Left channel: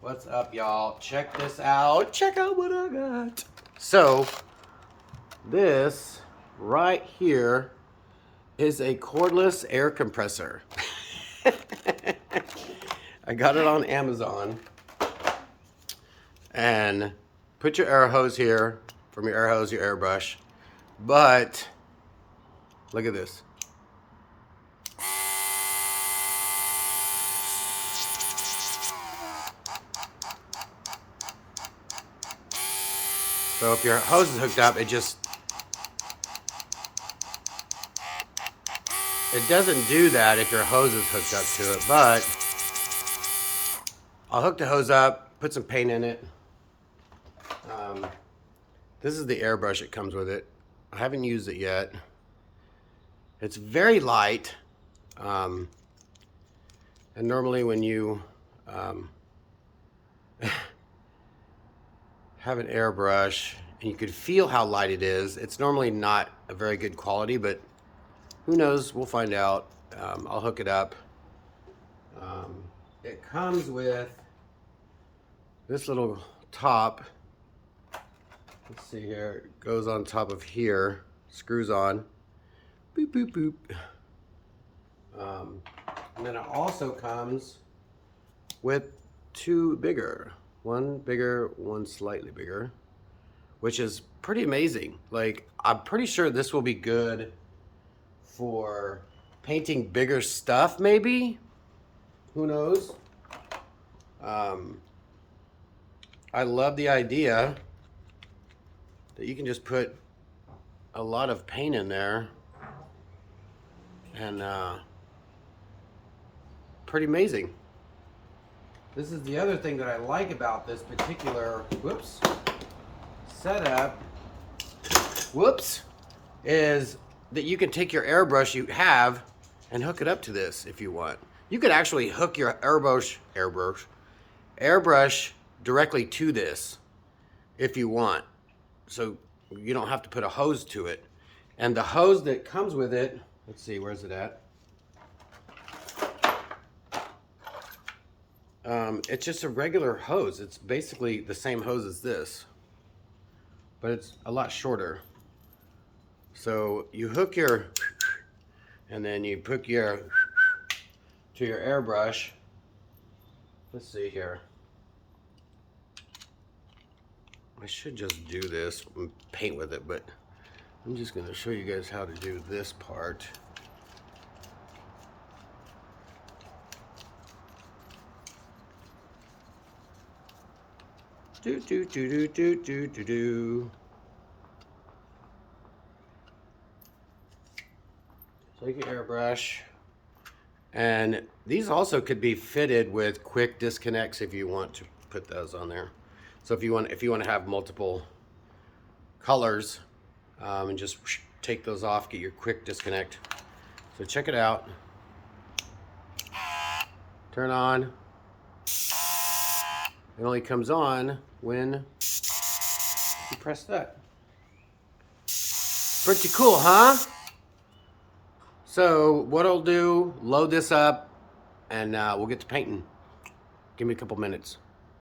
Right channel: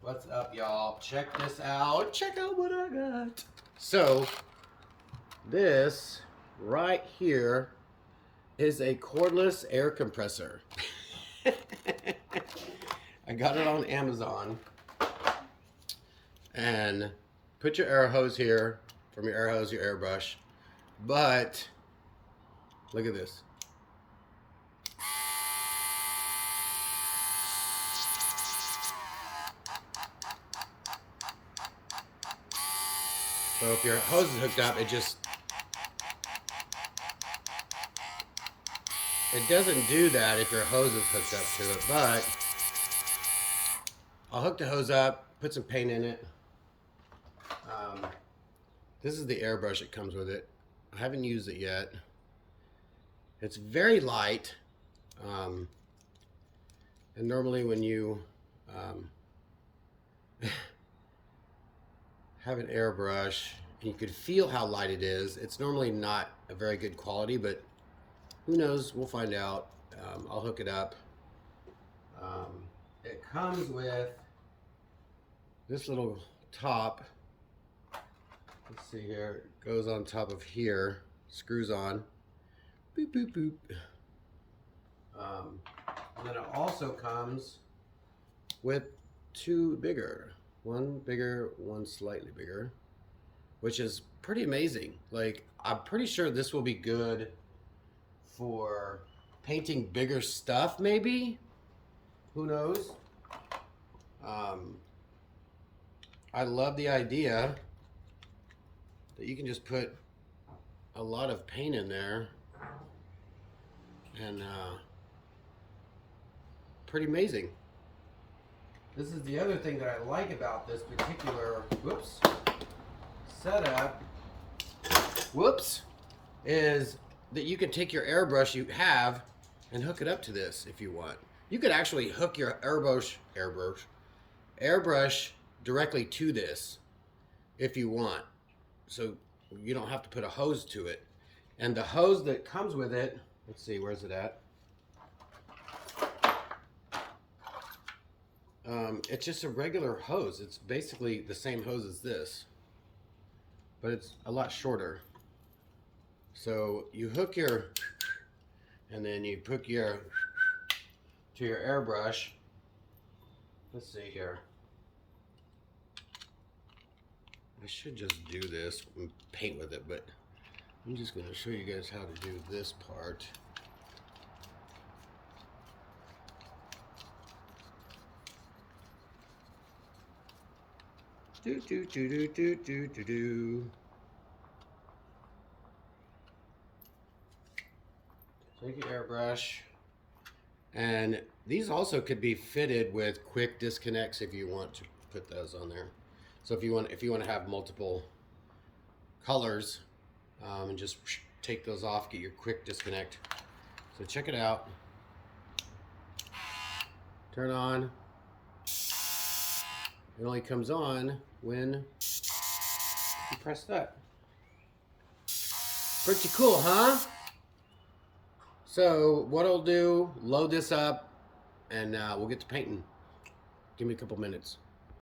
What's up, y'all? Check this out. Check out what I got. So, this right here is a cordless air compressor. I got it on Amazon. And put your air hose here from your air hose, your airbrush. But look at this. So if your hose is hooked up, it doesn't do that if your hose is hooked up to it, but I'll hook the hose up, put some paint in it. This is the airbrush that comes with it. I haven't used it yet. It's very light. And normally when you have an airbrush and you could feel how light it is, it's normally not a very good quality, but who knows, we'll find out. I'll hook it up. It comes with this little top. Let's see here, it goes on top of here, screws on, boop, boop, boop. And then it also comes with two bigger. One bigger, one slightly bigger, which is pretty amazing. Like, I'm pretty sure this will be good for painting bigger stuff, maybe? Who knows? I love the idea that you can just put a lot of paint in there and pretty amazing. This is the other thing that I like about this particular setup, is that you can take your airbrush you have and hook it up to this if you want. You could actually hook your airbrush directly to this if you want. So you don't have to put a hose to it. And the hose that comes with it, let's see, where's it at? It's just a regular hose. It's basically the same hose as this, but it's a lot shorter. So you hook your, and then you put your to your airbrush. Let's see here. I should just do this and paint with it, but I'm just going to show you guys how to do this part. Do do do do do do do do. Take your airbrush, and these also could be fitted with quick disconnects if you want to put those on there. So if you want to have multiple colors, and just take those off, get your quick disconnect. So check it out. Turn on. It only comes on when you press that. Pretty cool, huh? So what I'll do, load this up, and we'll get to painting. Give me a couple minutes.